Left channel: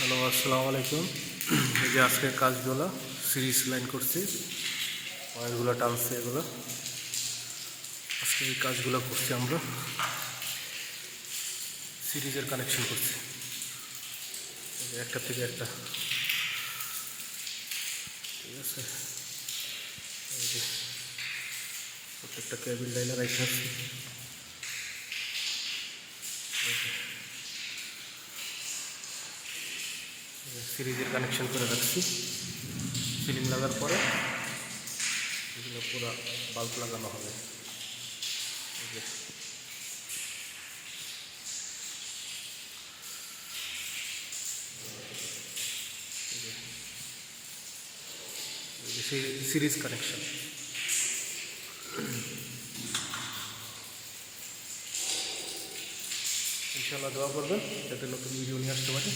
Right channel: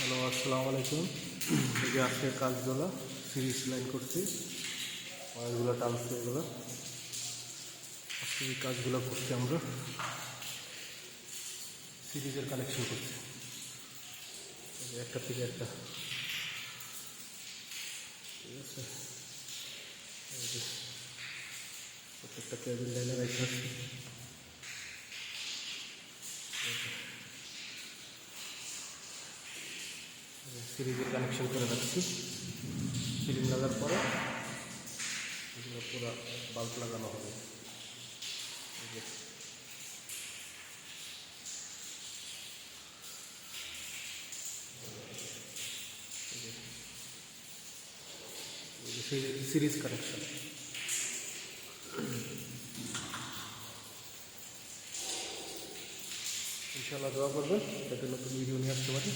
Hello, আসসালামু আলাইকুম। এই যে আজকের কাজগুলো সিরিজ লাইন করছি, ওয়ারগুলো টানছি, এগুলো আজকে এই কাজগুলো করছি। আমরা সিরিজের কানেকশন করছি, একটা থেকে একটা, ঠিক আছে। এই যে প্রত্যেকটা কেবিল লাইনে রাখা আছে, সিরিজের কানেকশন করে রাখছি। সিলিং লাগার পরে এগুলো পুরো বাল্ব লাগানো হবে। Series connection. ইনশাআল্লাহ দোয়া করবেন যাতে নতুন ভিডিও নিয়ে আসতে পারি।